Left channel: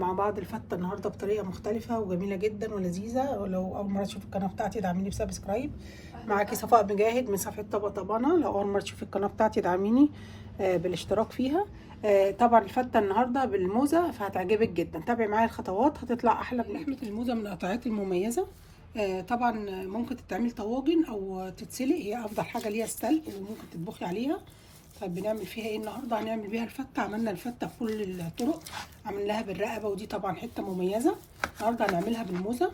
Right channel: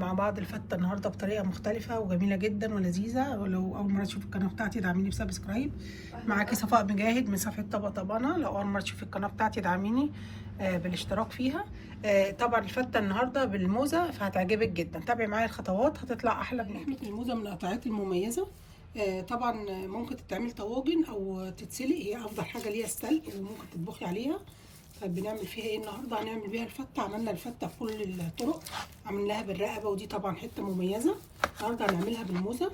مع بعض الفتة النهاردة بطريقة مختلفة وجميلة جدا ولذيذة. ولو أول مرة تشوف القناة بتاعتي ادعميني بسبسكرايب. معاكي صفاء مجاهد من صفحة طبطبانة. لو أول مرة تشوفي القناة بتاعتي ادعميني بالاشتراك فيها. طبعا الفتة النهاردة بالموزة فهتعجبك جدا. تابعي معايا الخطوات هتطلع أحلى. لحمة الموزة من القطعات المميزة. طبعا ممكن تتعمل طواجن أو تتسلق، هي أفضل حاجة ليها السلق، وممكن تطبخي عليها. طيب بنعمل فيها ايه النهارده؟ هنعمل بيها الفته. عملنا الفته بكل الطرق، عملناها بالرقبه ودي طبعا حته مميزه. النهارده هنعملها بالموزه،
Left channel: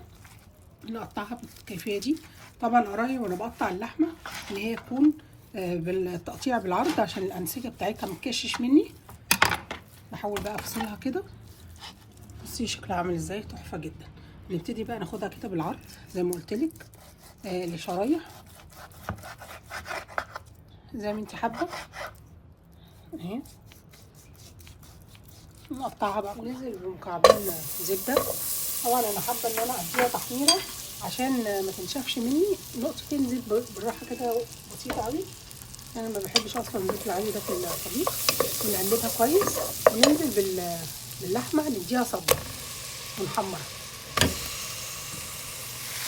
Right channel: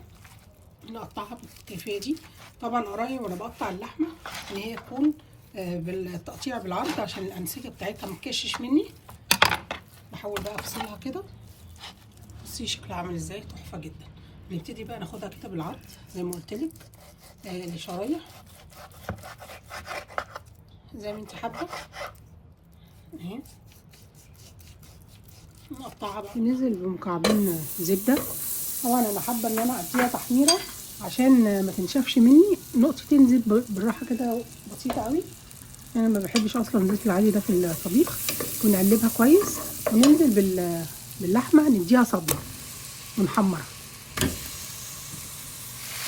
نقطعها بالكيفيه دي. طبعا قرايب وانا بقطع اللحمه ان هي تكون بالتقطيع بالعرض عشان الانسجه بتاعتها ما تكشش مني. بحاول بقى افصلها كده. بصي شكلها عامل ازاي، تحفه جدا. نبتدي بقى ناخدها كده بالعرض زي ما قلت لك، لشرايح زي ما انت حابه اهي. نقطعها بقى. ننزل بمكعبين زبده. طبعا انا حابه ان انا اديها تحميره عشان ما تنشفش مني. نقطتين زيت بالراحه كده بسيطه قوي. انا ما بحبش اصلا الزيت العالي ده في الطبيخ. ونقلبها كويس وننزل باللحمه نديها صدمه ونحمرها.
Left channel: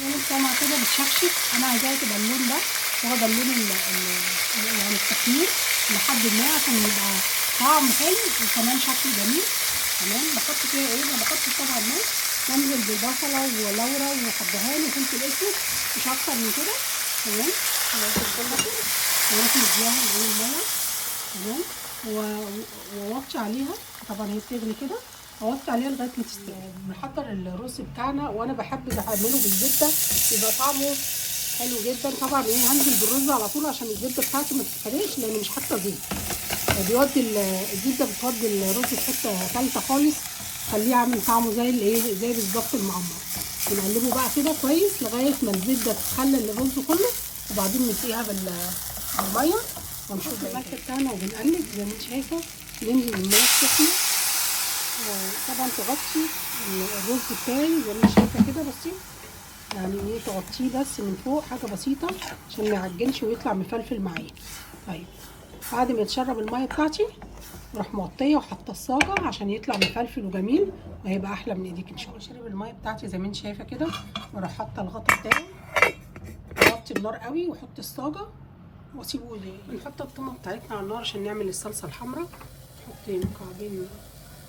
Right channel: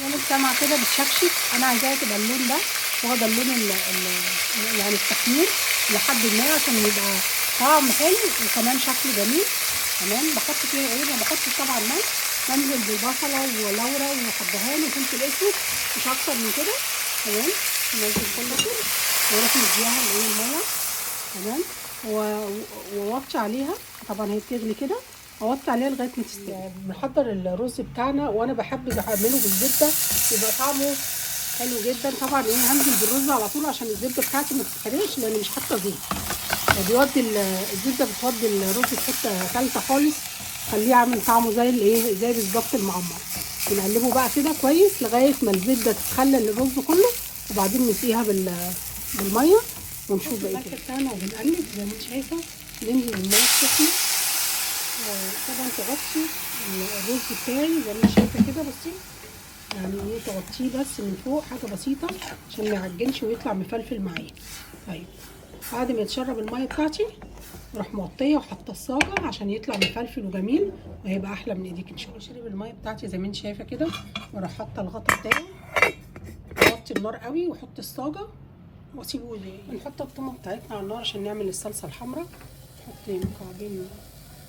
يعني السمعه كده بتشكشك، انا عايزاها تبقى اللون ده واخده اللون يعني التحمير لحد ما عشان يبقى طعم حلو وكمان شكله جميل. تمام. بحط فيها ايه؟ ما بحطش طبعا ملح. بنزل بالبصله ولورا وحبهان وفلفل اسود، مش اكتر من كده. تمام. واروح مديها اللي هي الميه. تمام. ووطي عليها. طبعا هي بتغلي كده، ووطي عليها لغايه ما تستوي. بنحضر الرز بتاعنا، وانا بحب اعمله بالزبده يبقى طعمه حلو جدا. طبعا ايه، هنزل بالرز على طول عشان الزبده بتاعتي ما تتحرقش، لان مش حاطه زيت. بيودي الزبده بتودي الرز في حته ثالثه خالص، خليه عامل طعمه زي الايه، زي بالظبط المعمر. بنقلبه بقى كده كويس لغايه ما الزبده تتخلل الرز كله، وبعدين نسقيها بالميه ونشوف الملح بتاعنا وبنقلب زي ما انت شايفه. ننزل بالميه السخنه، طبعا تغطي الرز بتاعي زي ما انت شايفه كده. بصي يعني ايه، تغطيه بس من فوق حاجه بسيطه عشان ما يعجنش ويطلع مفلفل معايا. طيب بعد ما يتشرب الميه بتاعتي اروح مغطيه وحاطه الصاجه عشان يطلع مفلفل وجميل، وهيبقى احلى من ايديك ان شاء الله. شرب الميه بتاعتي زي ما انت شايفه كده، واروح حاطه الغطا بتاعي، اغطي النار قوي واحط الصاجه واسيبه. بنحط الطماطم بتاعتنا على النار عشان نعمل الصلصه الحمراء. نحط مكعبين من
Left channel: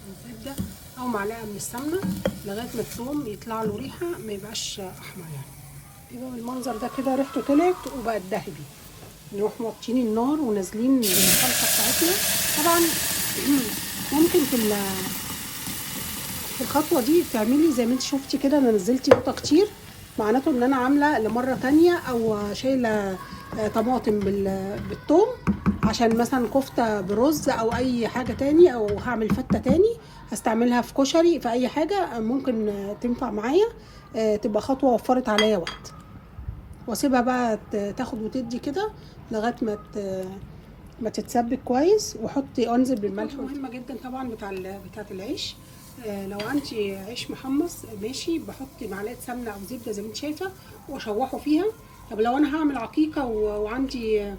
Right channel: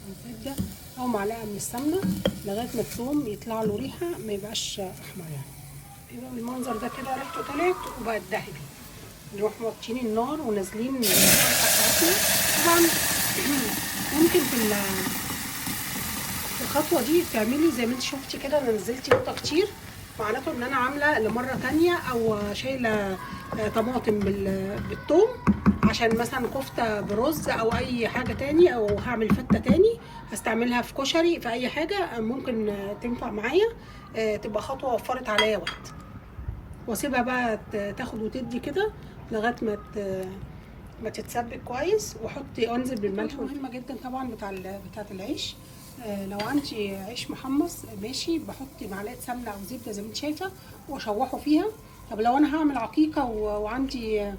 الزبده او معلقه من السمنه لغايه ما الثوم يطلع له ريحه، ما يبقاش احمر يعني. يبقى بالمنظر ده كده ريحته طلعت وبقت ذهبي. نروح موطين النار ونازلين بالصلصه بتاعتنا. طبعا ممكن في الخطوه دي تعملي زي ما انت شفتي كده، انا نزلت نقطه كتير، معناته ان انا عامله لمره تانية او شايله طماطم بالثوم عشان مثلا كفته برز او اي حاجه تاني، او هعمل فته تاني هستعملها في كشري، في اي حاجه ممكن تنفع معايا. تبقى خطوه وفرت عليا وقت. واسيبها بقى تاخد وتدي كده لغايه ما تتسبك كويس. وحطي انزل بالملح. مهمه جدا طبعا بتاعت العيش. لو عندي عيش محمص ماشي، بحط معلقه سمنه او زبده زي ما انت شايفه واشوحه فيها. طب لو انا هعمل عقيقه وعندي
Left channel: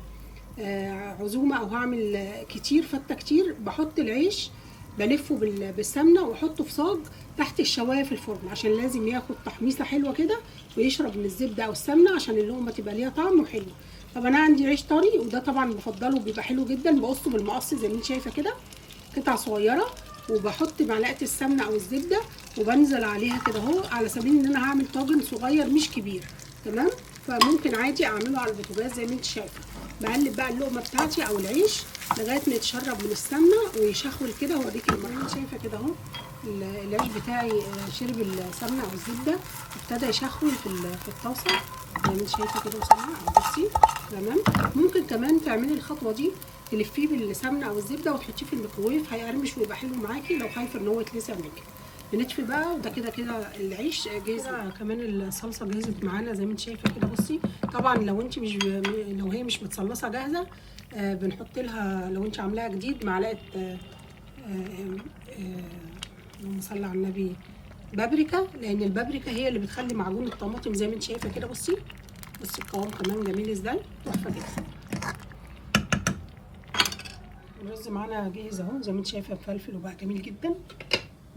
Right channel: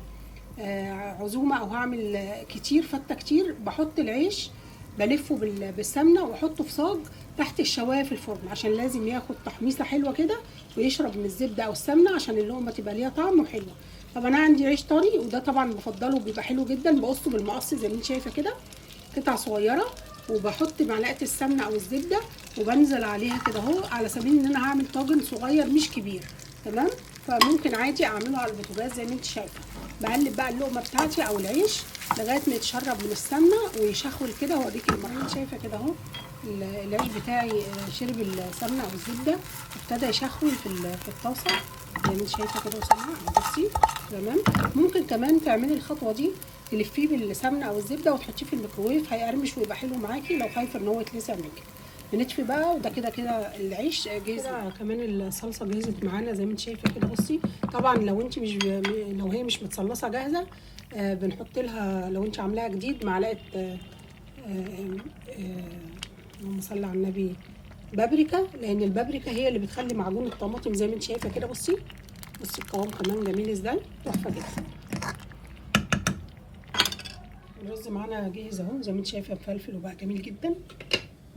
عزومه او هعمل كتير فته كتير، بحط العيش بلفه بالسمنه واحطه في صاج تحت الشوايه في الفرن، عشان لازم ياخد تحميصه حلوه كده ويشرب من الزبده او السمنه عشان اللقمه تبقى ليها طعم وحلو. طب انا عندي عيش طري وده طبعا بفضله بيبقى حلو جدا، بقصه بالمقص زي ما انت شايفه كده قطع صغيره، وبحط معلقه السمنه او الزبده وبنزل عليها كده اهو، على سبيل ان انا هعمل طاجن صغير مش كبير. تمام. فممكن عادي اعمله على البوتاجاز زي ما انت شايفه. بقلب بقى اللقمه بتاعتي او العيش لغايه ما يتشرب من السمنه ويشخول كده. واوريك المرحله شايفه كده اهو. العيش بتاعي شرب السمنه او الزبده، ابتدى يشخول في الطاسه زي ما انت شايفه كده وسمنه. بصي تمام. ممكن كمان تعملي الخطوه دي تلفيه بالسمنه او الزبده وتحطيه في الميكروويف، هيقرمش ويبقى حلو معاكي لو خايفه ان هو يتلسع منك. بنطفي بقى، وده كده كده العيش جاهز. كمان الصلصه جهزت معانا زي ما انت شايفه كده. بصي طبعا لو انت مش لو هي مش متصلصه جاهزه، بنحط لها لو انت عاملاها جديد معلقه اللهم صل على النبي بابريكا، لان البابريكا هي اللي بتخلي معجون الطماطم زي ما انت شايفه كده. بصي القوام كمان جميل ازاي، تحفه جدا. الرز معانا جاهز اهو زي ما انت شايفه، مفلفل وبقى جميل جدا.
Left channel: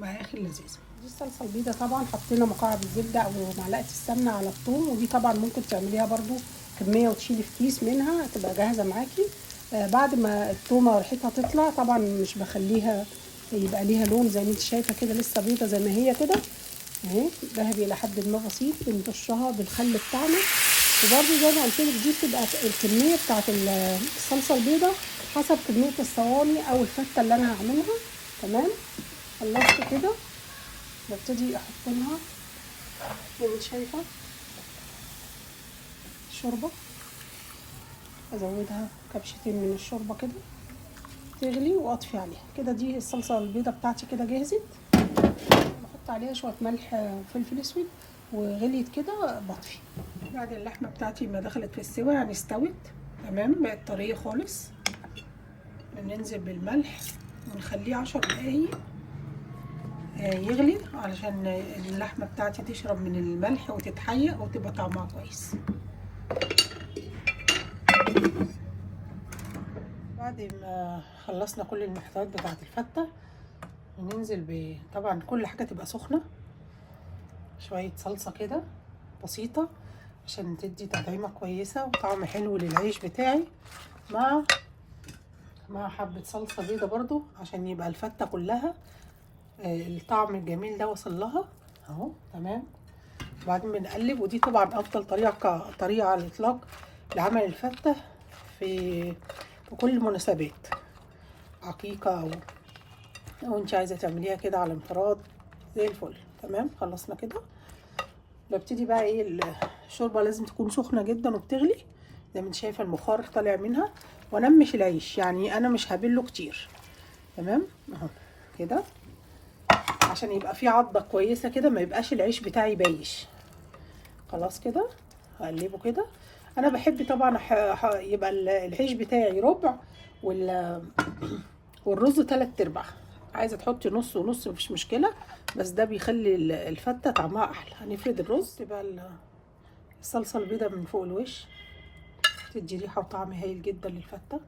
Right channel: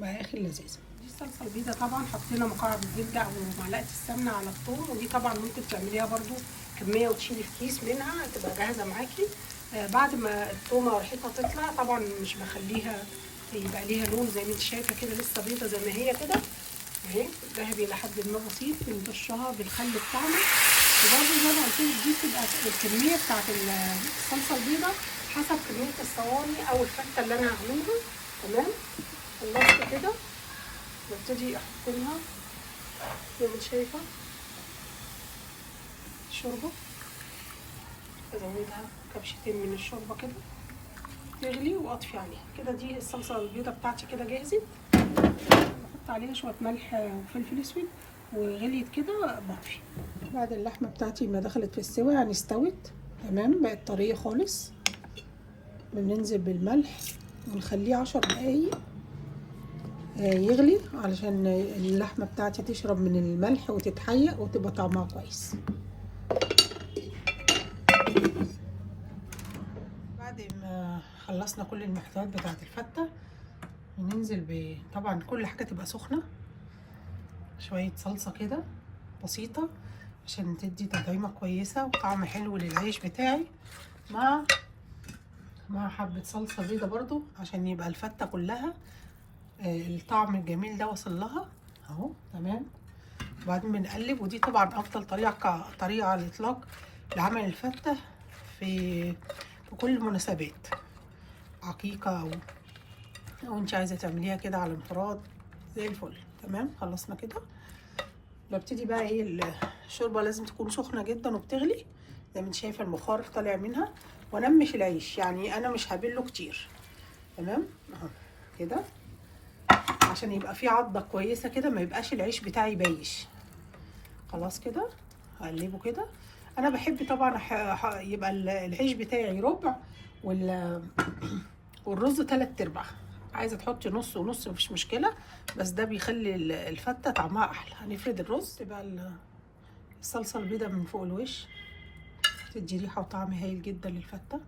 بقى اخر لذيذه. دي الصلصه البيضاء طبعا حطينا مكعب الزبده او معلقه السمنه على الثوم، ودي طبعا ممكن تعمليها برده كميه وتشيلي في كيس منها تبقى جاهزه معاكي. بعد ما الثومه وريحتها تطلع طبعا مش بخليها يبقى ليها لون زي ما انت شايفه كده، لسه بيضه زي ما هي كده اهي، ذهبي الى حد ما بسيط. بنرشها بالخل بتاعنا، وبرده زي ما قلت لك دي بتبقى الكميه بتاعت الصلصه البيضاء حسب كميه الصواني او الفته اللي انا هعملها. تمام، خلصت كده ببتدي احط لها زي ما انت شايفه شوربه، ازودها كبشتين من الشوربه كده تغلي واطفي عليها كده. دي الصلصه البيضاء بتاعتي كده جاهزه. بحط عليها شويه ملح وفلفل اسود، وغليت كده بطفي. بعد اللحمه بتاعتي ما دخلت في السوا يعني استوت تمام، بقت طريه خالص، بننزل بالملح ونخليه 10 دقايق يغلي علشان اللحمه بتاعتي تشرب من الملح وتتحيق وتبقى طعمها كويس. بعد ما خلصنا كل المحتويات بتاعت الفته بننزل طبعا كل حاجه تبقى سخنه، شويه صلصه كده بسيطه عشان تدي تطعيمه كويسه وطعم حلو للعيش بتاعي، مع حبه صلصه بيضه برضو عشان يبقى الفته كلها الطعم الجميل ده وصل لها اهو تمام. وبعدين بنقلب، ودي طبعا افضل طريقه على الاطلاق لعمل الفته في كل المناسبات، عقيقه او انت عايزه تعمليها كده على انفراد زي الفل. تمام، خلصنا كده. ببتدي بقى ايه، الشوربه لازم تكون سخنه جدا وبتغلي زي ما انت شايفه البخار طالع منها، وانمش العيش يعني انا مش هبله كتير. تمام اهو كده عشان يبقى فيه عضه كويسه كده، ما يبقاش العيش بتاعي بايش. خلاص كده اقلبه كده. انا بحب طبعا يبقى العيش بتاعي ربع والرز 3/4. عايزه تحطي نص ونص مفيش مشكله، بس ده بيخلي الفته طعمها احلى. هنفرد الرز، تبقى الصلصه البيضاء من فوق الوش تدي ريحه وطعم هايل جدا للفته.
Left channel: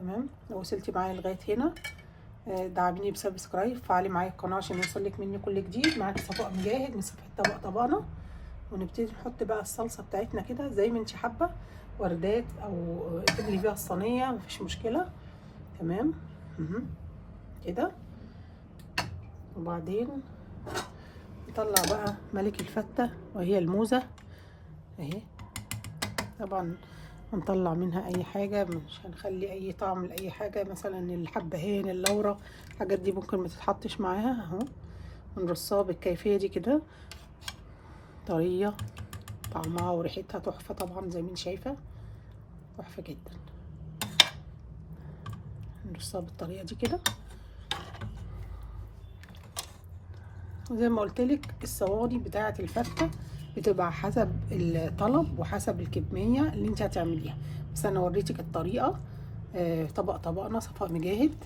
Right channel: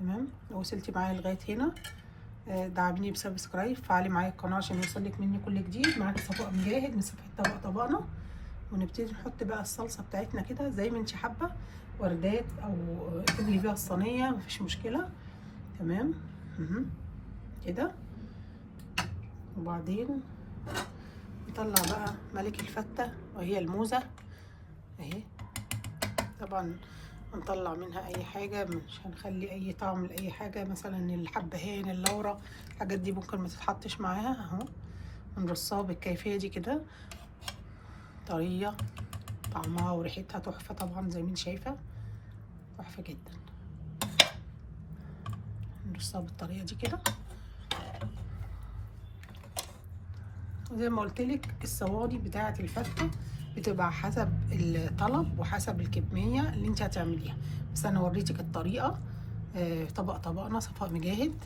تمام، لو وصلتي معايا لغايه هنا دعميني بسبسكرايب، فعلي معايا القناه عشان يوصلك مني كل جديد. معاكي صفاء مجاهد من صفحه طبقنا. ونبتدي نحط بقى الصلصه بتاعتنا كده زي ما انت حابه، وردات او تملي بيها الصينيه مفيش مشكله. تمام كده. وبعدين نطلع بقى ملك الفته وهي الموزه اهي. طبعا هنطلع منها اي حاجه، مش هنخلي اي طعم لاي حاجه، مثلا الحبهان اللورة الحاجات دي ممكن ما تتحطش معاها اهو. نرصها بالكيفيه دي كده، طريه طعمها وريحتها تحفه طبعا زي ما انت شايفه، تحفه جدا. نرصها بالطريقه دي كده. وزي ما قلت لك الصواني بتاعه الفته بتبقى حسب الطلب وحسب الكميه اللي انت هتعمليها، بس انا وريتك الطريقه. طبقنا صفاء مجاهد.